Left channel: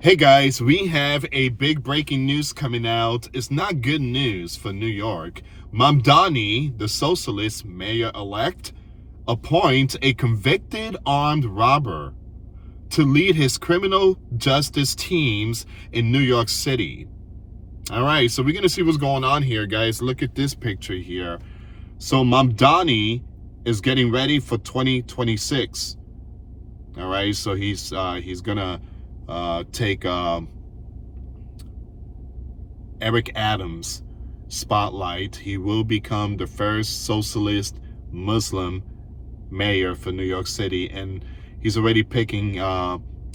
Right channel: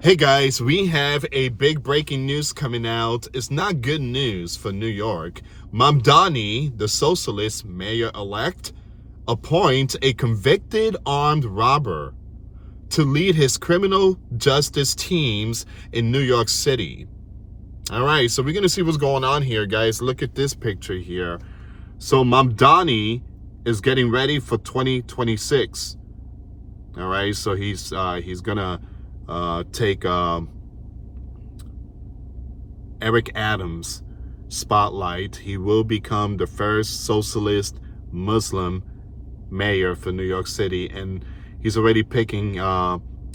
Hey guys, we have a big breaking news coming out. It's not good news for New York. Mamdani, the socialist mayor-elect, appoints a convicted armed robber to lead his criminal justice teams in New York City. All right, so we're going to see what's going on here, guys. Look at this picture here. So Mamdani is getting ready for 2026. All right, so he's going to take Eric Adams' spotlight. He will become the first socialist Muslim mayor for New York City, and he's already picking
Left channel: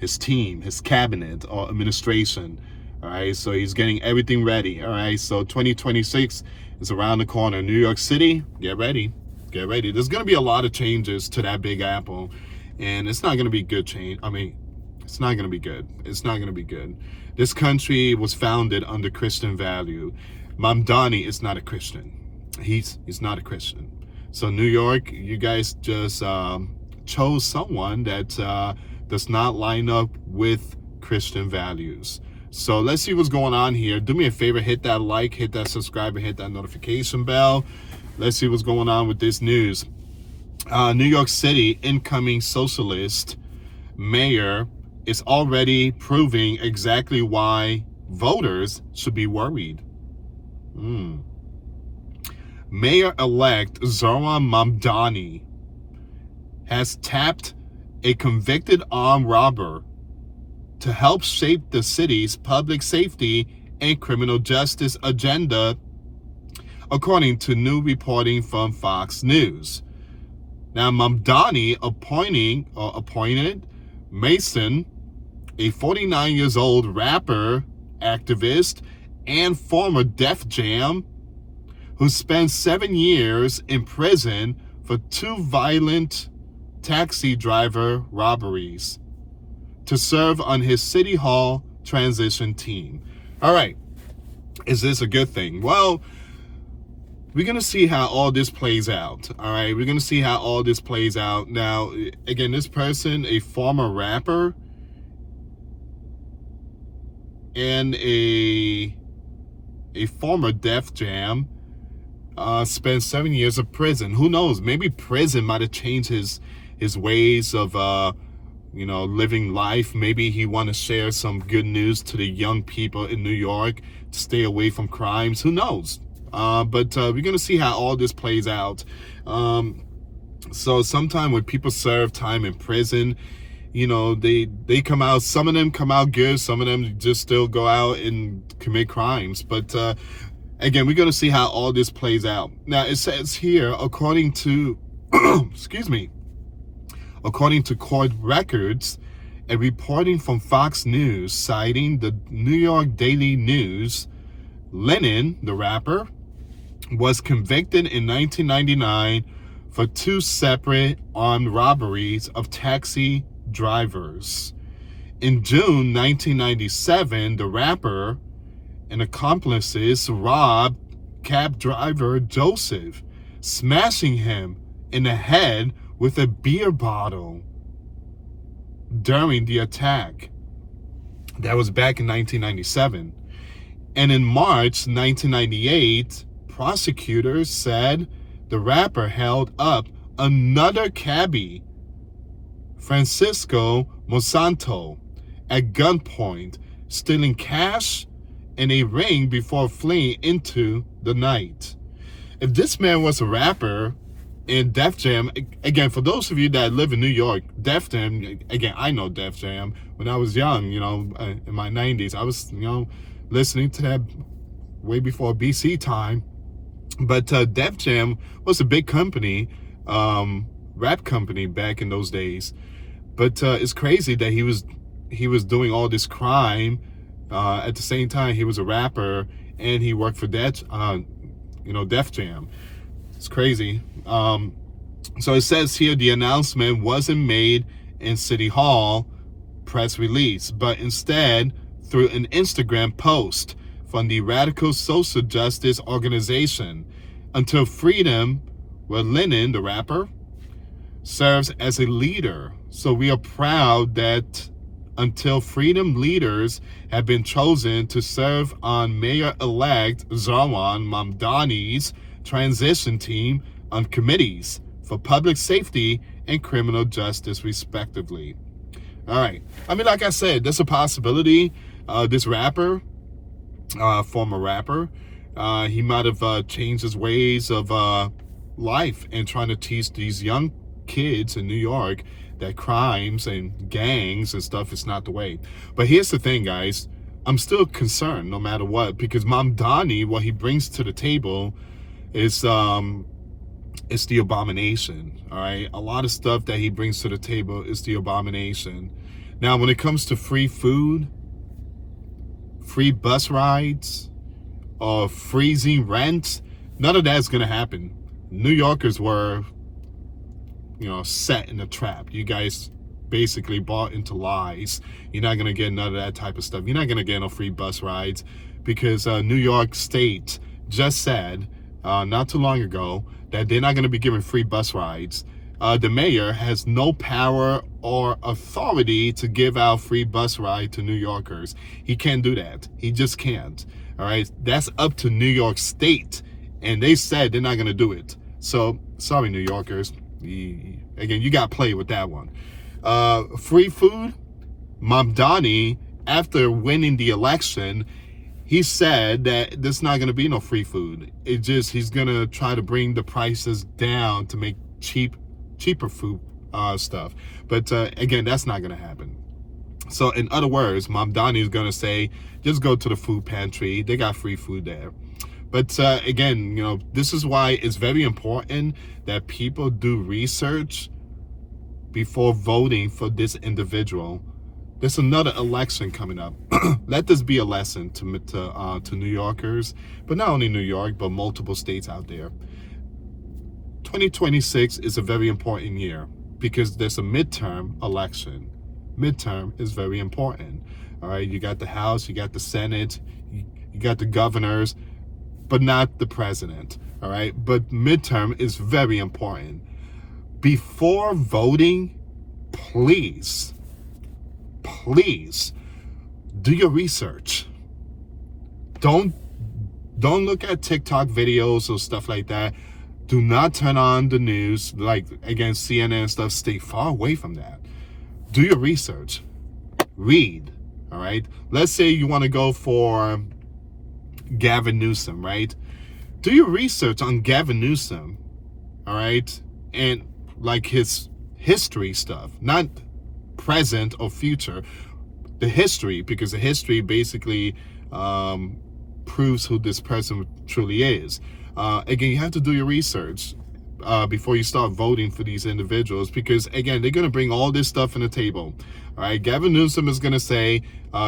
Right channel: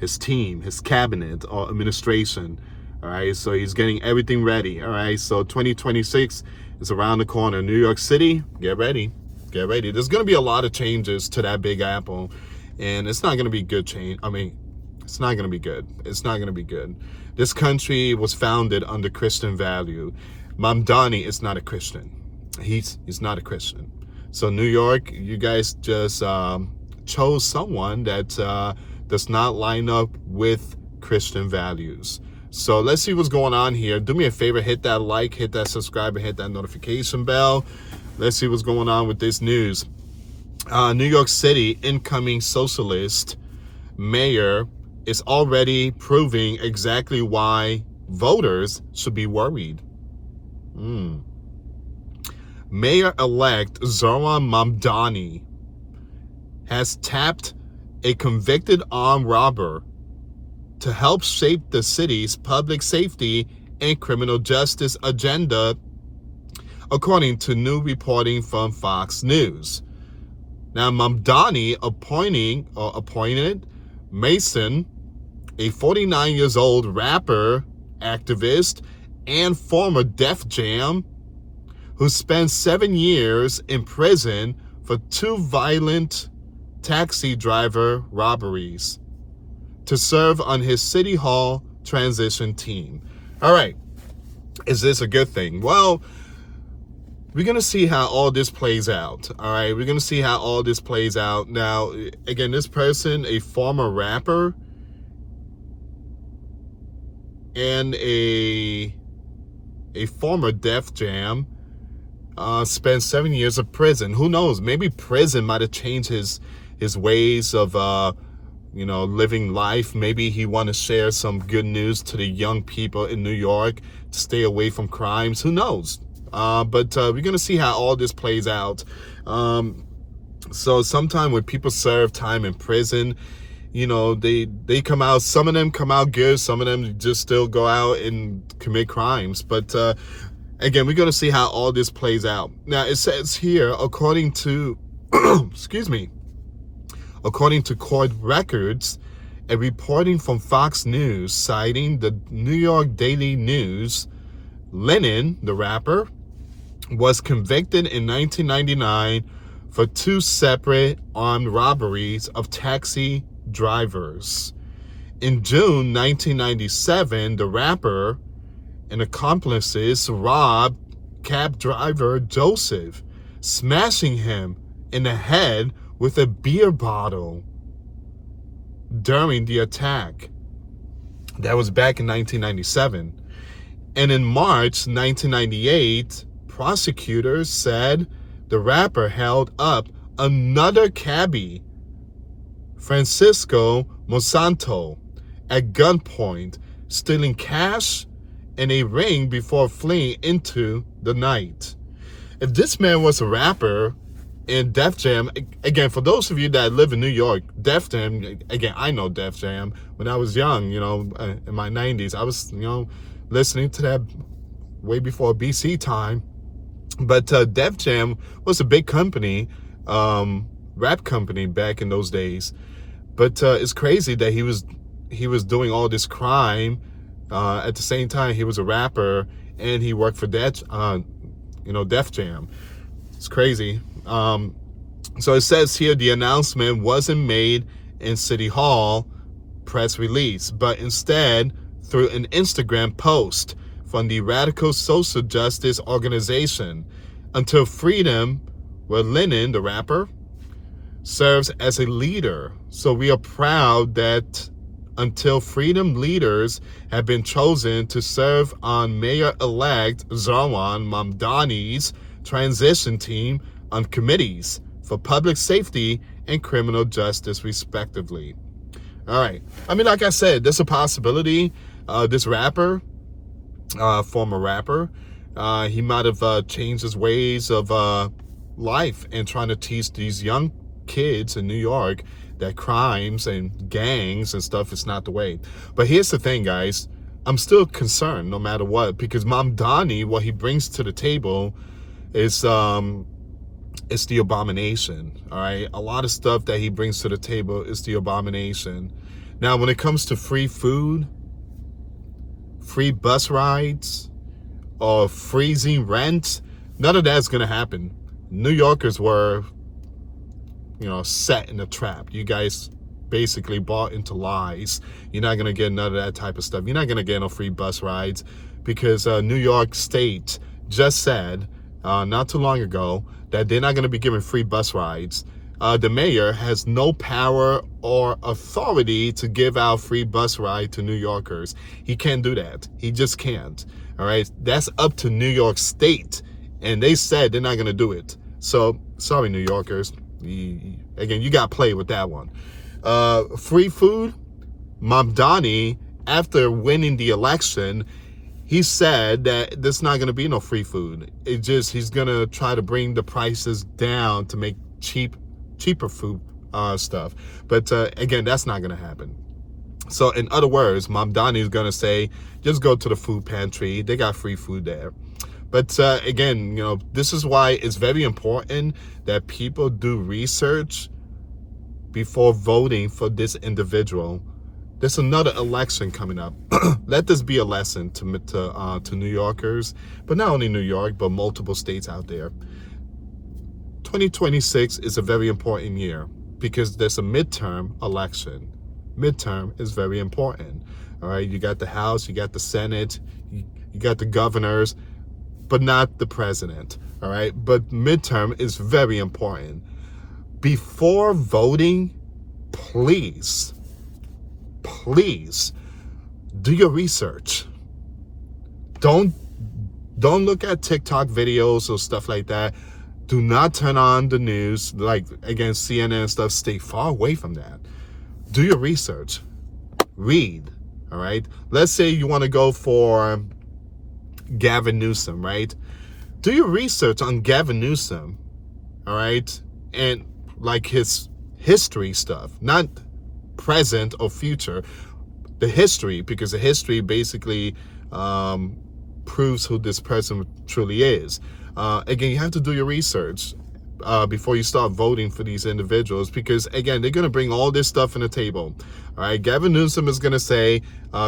his team, his cabinet or administration. All right, so he's getting everything ready. All right, so 2026 is around the corner. New York City, get ready. Get ready. There's going to be a lot of changes to that Big Apple, and it's not going to be good change. It's not going to be good. It's not going to be good. This country was founded under Christian value. Mamdani is not a Christian. He's not a Christian. So New York, you guys just chose someone that does not line up with Christian values. So let's see what's going on here. Do me a favor, hit that like, hit that subscribe, and hit that notification bell. Let's see what's going on with this news. New York City incoming socialist mayor is already proving exactly why voters should be worried. Mayor-elect Zohran Mamdani has tapped a convicted armed robber to help shape the city's public safety and criminal justice agenda, according to new reporting from Fox News. Now, Mamdani appointed Mason, a 49-year-old rapper, activist, and former Def Jam, who spent 7 years in prison for 2 violent taxi driver robberies, to serve on his City Hall transition team. All right, is this a good thing? Well, we're going to see how all this plays out. All right, we're going to see how all this plays out. Now, again, this person, a former rapper and a former Def Jam, spent 7 years of prison. Who knows? Maybe prison might have changed his ways of living life. Maybe he want to share some good news to the young people in New York to stay away from crimes. Who knows? But we're gonna see how all this plays out. So sometime when people serve time in prison, they come out. Some of them come out good. Some of them just still go out and commit crimes. But again, we're gonna see how all this plays out. Now it says here, according to according to court records, a reporting from Fox News citing the New York Daily News, Lennon, the rapper, was convicted in 1999 for 2 separate armed robberies of taxi drivers. In June 1997, the rapper and accomplices robbed cab driver Joseph, smashing him in the head with a beer bottle during the attack. That was back in 1997. And in March 1998, prosecutors said the rapper held up another cabbie, Francisco Monsanto, at gunpoint, stealing cash and a ring before fleeing into the night. If this man was a rapper in Def Jam, again, for those of you that live in New York, Def Jam, again, I know Def Jam. When I was young, in my 90s, I was, listening to that way before BC time. But Def Jam was a big company, rap company back in those days. But it's crazy that he was doing all this crime. At the same time, he was a rapper and he worked for Def Jam. It's crazy. So it says here the announcement wasn't made in City Hall press release, but instead through an Instagram post from the radical social justice organization Until Freedom, where Lennon, the rapper, serves as a leader. So we are proud that until freedom leaders have been chosen to serve on Mayor-elect Zarwan Mamdani's transition team on committees for public safety and criminal justice, respectively. All right. I mean, like I said, there's a possibility this rapper, former rapper, he might have changed his ways of life and trying to teach these young kids in New York that crimes and gangs and stuff is not the way. But here's the thing, guys. I'm still concerned no matter what, because Mamdani, what he brings to the table is it's the abomination. All right. A lot of stuff that he brings to the table is the abomination. Now, when it comes to free food, free bus rides, or freezing rent, none of that's going to happen. New Yorkers were, set in a trap. You guys basically bought into lies. You're not going to get none of that type of stuff. You're not going to get no free bus rides because New York State just said not too long ago that they're not going to be giving free bus rides. The mayor has no power or authority to give out free bus ride to New Yorkers. He can't do that. He just can't. All right. That's up to New York State. And they said they're not going to do it. So, sorry, New Yorkers. Again, you got played with that one. Free food. Mamdani, after winning the election, he said that there's not going to be no free food. He's going to try to bring the prices down to make cheaper food stuff. But again, that's not going to happen. So in other words, Mamdani is going to say, just go to the food pantry. They got free food there. But again, this is why it's very important that people do research before voting for this individual. There's another election coming up. Let this be a lesson to New Yorkers, but not only New York, but multiple states out there. 2026 is a very important year because there's a midterm election. Midterm is very important. All right, you got the House, you got the Senate, you got the governors, but not the president. All right, but midterm is very important. Before voting, please do your research. Don't look at TikTok videos or stuff like that. Do not turn on the news, like, again, CNN and stuff. Stay far away from that. Do your research. Read, all right? Let's say you want to go for Gavin Newsom, right? Do your research on Gavin Newsom, all right? And, like, his history stuff, not present or future. The history, because the history basically proves who this person truly is. Again, you have to do your research before you start voting for these individuals, because again, they're going to bring all this stuff on the table. All right, Gavin Newsom is going to say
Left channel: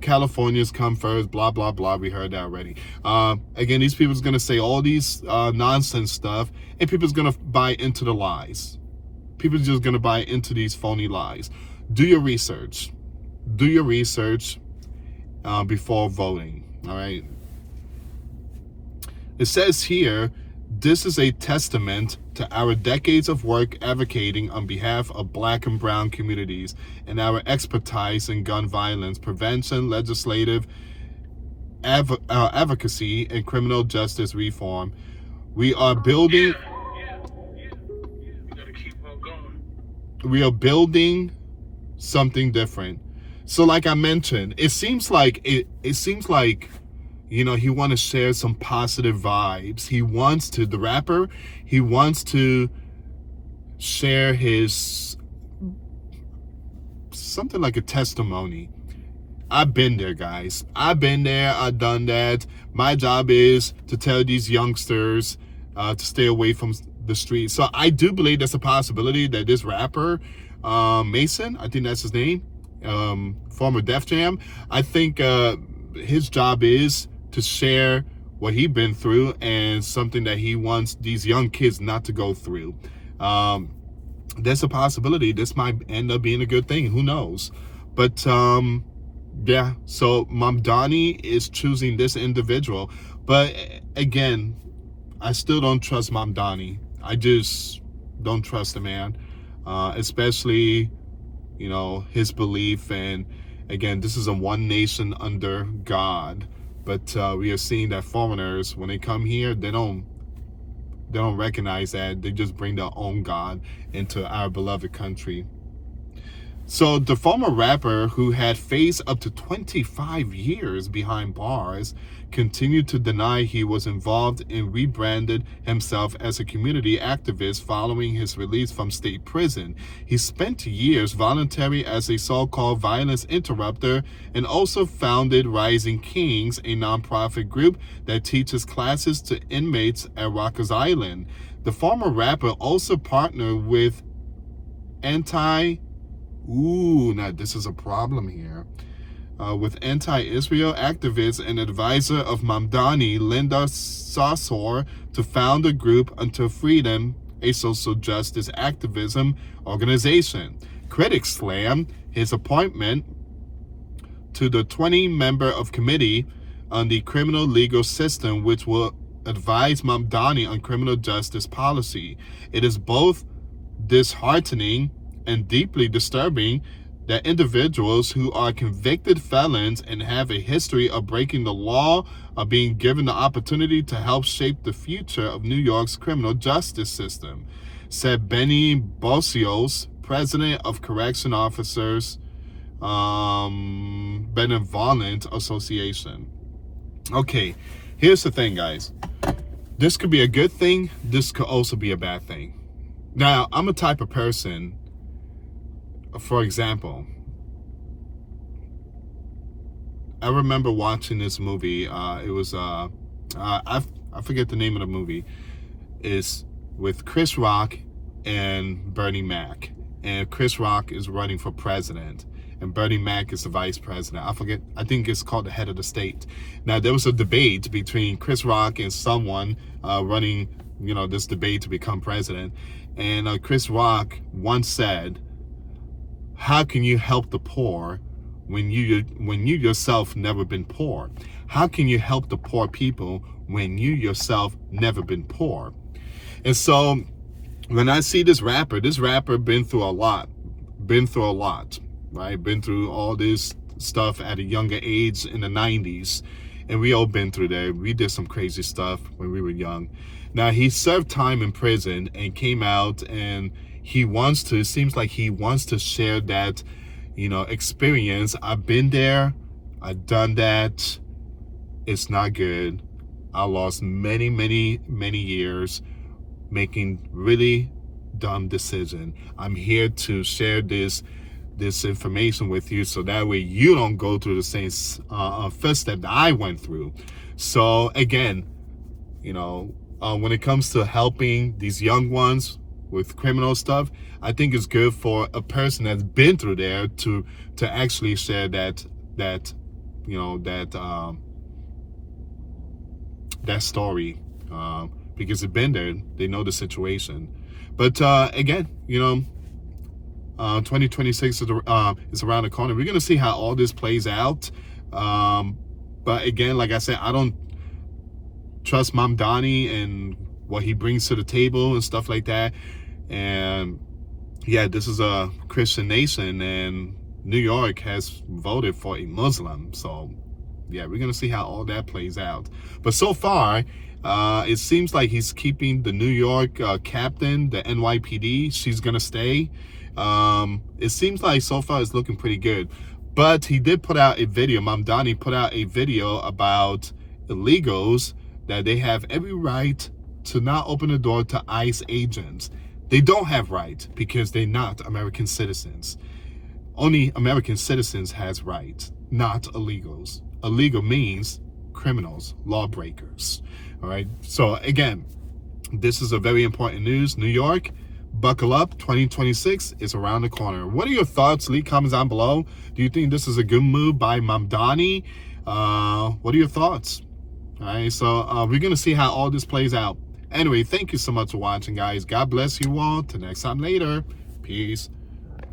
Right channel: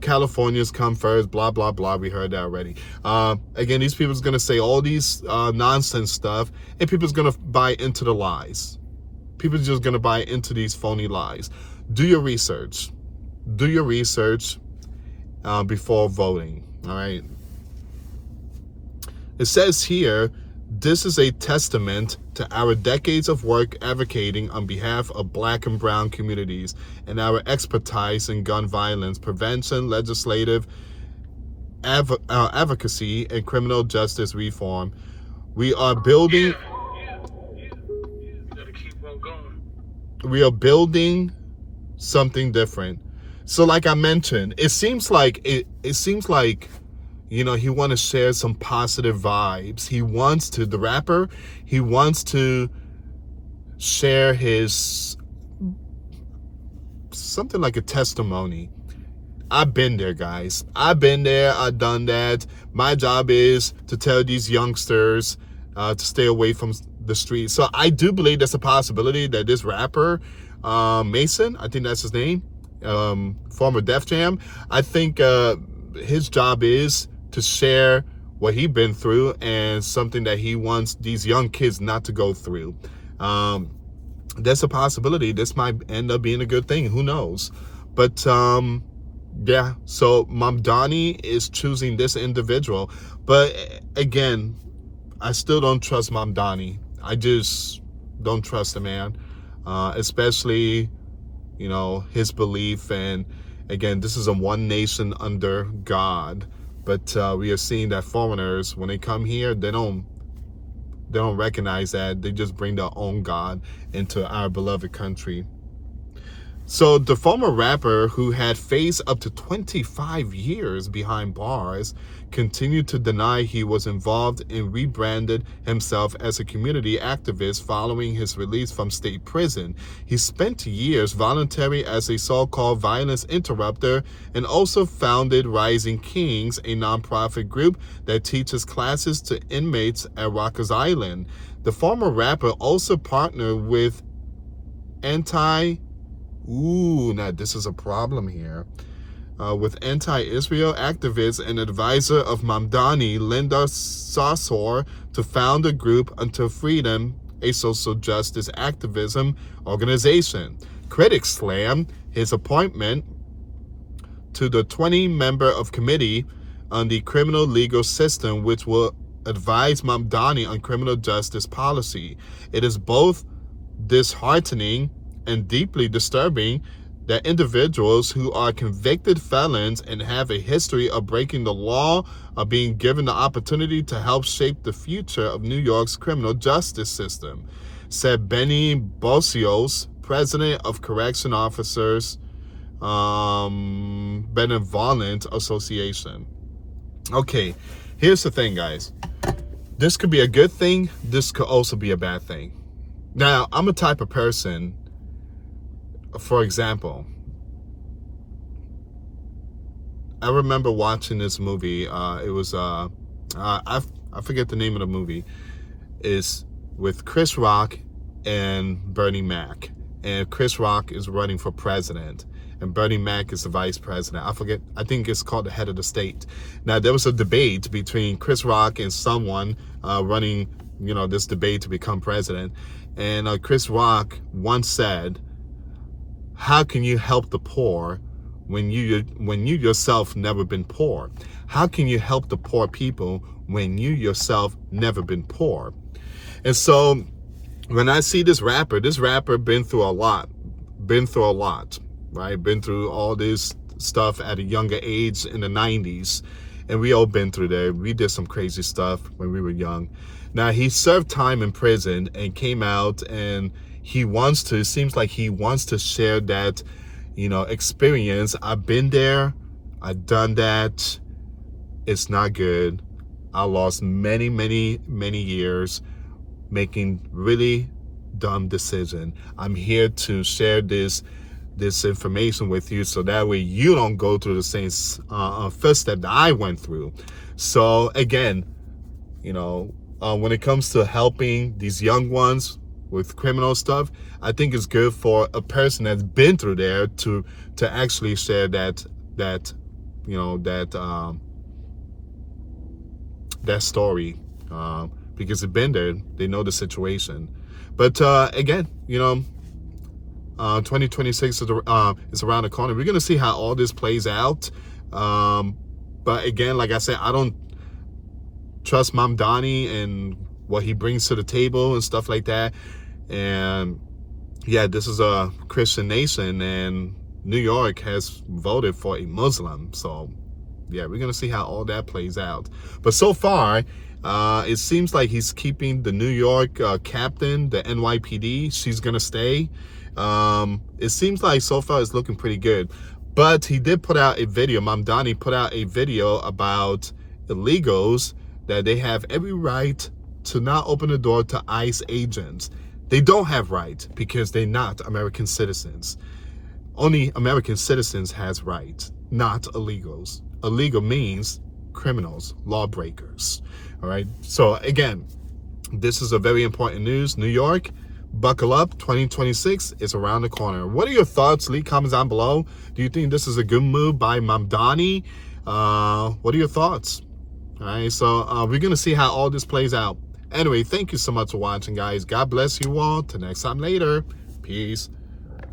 California's come first, blah blah blah. We heard that already. Again, these people are going to say all these nonsense stuff, and people's going to buy into the lies. People are just going to buy into these phony lies. Do your research. Do your research before voting. All right. It says here, this is a testament to our decades of work advocating on behalf of Black and Brown communities and our expertise in gun violence prevention, legislative advocacy, and criminal justice reform. We are building something different. So like I mentioned, it seems like he want to share some positive vibes. He wants to, the rapper, he wants to share his, something like a testimony. I've been there, guys. I've been there. I've done that. My job is to tell these youngsters to stay away from the streets. So I do believe there's a possibility that this rapper, Mason, I think that's his name, former Def Jam, I think his job is to share what he's been through and something that he wants these young kids not to go through. There's a possibility this might end up being a good thing. Who knows? But yeah, so Mamdani is choosing this individual. But again, I still don't trust Mamdani. I just don't trust the man, especially, his belief and Again, this is a one nation under God. But we are seeing that foreigners, when they come here, they don't recognize that. They just bring their own God into our beloved country. So the former rapper, who had faced up to 25 years behind bars, continued to deny he was involved and rebranded himself as a community activist following his release from state prison. He spent years volunteering as a so-called violence interrupter and also founded Rising Kings, a nonprofit group that teaches classes to inmates at Rikers Island. The former rapper also partnered with now this is a problem here. With anti-Israel activist and advisor of Mamdani, Linda Sarsour, to found a group Until Freedom, a social justice activism organization. Critics slam his appointment to the 20-member of committee on the criminal legal system, which will advise Mamdani on criminal justice policy. It is both disheartening and deeply disturbing that individuals who are convicted felons and have a history of breaking the law are being given the opportunity to help shape the future of New York's criminal justice system, said Benny Bosios, president of Correction Officers Benevolent Association. Okay, here's the thing, guys. This could be a good thing. This could also be a bad thing. Now, I'm a type of person, for example, I remember watching this movie. It was I forget the name of the movie. It's with Chris Rock and Bernie Mac, and Chris Rock is running for president, and Bernie Mac is the vice president. I think it's called the head of the state. Now, there was a debate between Chris Rock and someone running, this debate to become president, and Chris Rock once said, "How can you help the poor when you yourself never been poor? How can you help the poor people when you yourself never been poor?" And so when I see this rapper been through a lot, right? Been through all this stuff at a younger age in the 90s. And we all been through there. We did some crazy stuff when we were young. Now, he served time in prison and came out, and it seems like he wants to share that, experience. I've been there. I've done that. It's not good. I lost many, many, many years making really dumb decisions. I'm here to share this information with you so that way you don't go through the same first step that I went through. So again, when it comes to helping these young ones with criminal stuff, I think it's good for a person that's been through there to actually share that story, because they've been there, they know the situation. But again, 2026 is around the corner. We're gonna see how all this plays out. But again, like I said, I don't trust Mamdani and what he brings to the table and stuff like that. And yeah, this is a Christian nation, and New York has voted for a Muslim. So yeah, we're gonna see how all that plays out. But so far, it seems like he's keeping the New York captain, the NYPD. She's gonna stay. It seems like so far it's looking pretty good. But he did put out a video. Mamdani put out a video about illegals, that they have every right to not open the door to ICE agents. They don't have right because they're not American citizens. Only American citizens has rights, not illegals. Illegal means criminals, lawbreakers. All right. So again, this is a very important news. New York, buckle up. 2026 is around the corner. What are your thoughts? Leave comments down below. Do you think this is a good move by Mamdani? What are your thoughts? All right. So we're going to see how all this plays out. Anyway, thank you so much for watching, guys. God bless you all. Till next time later. Peace.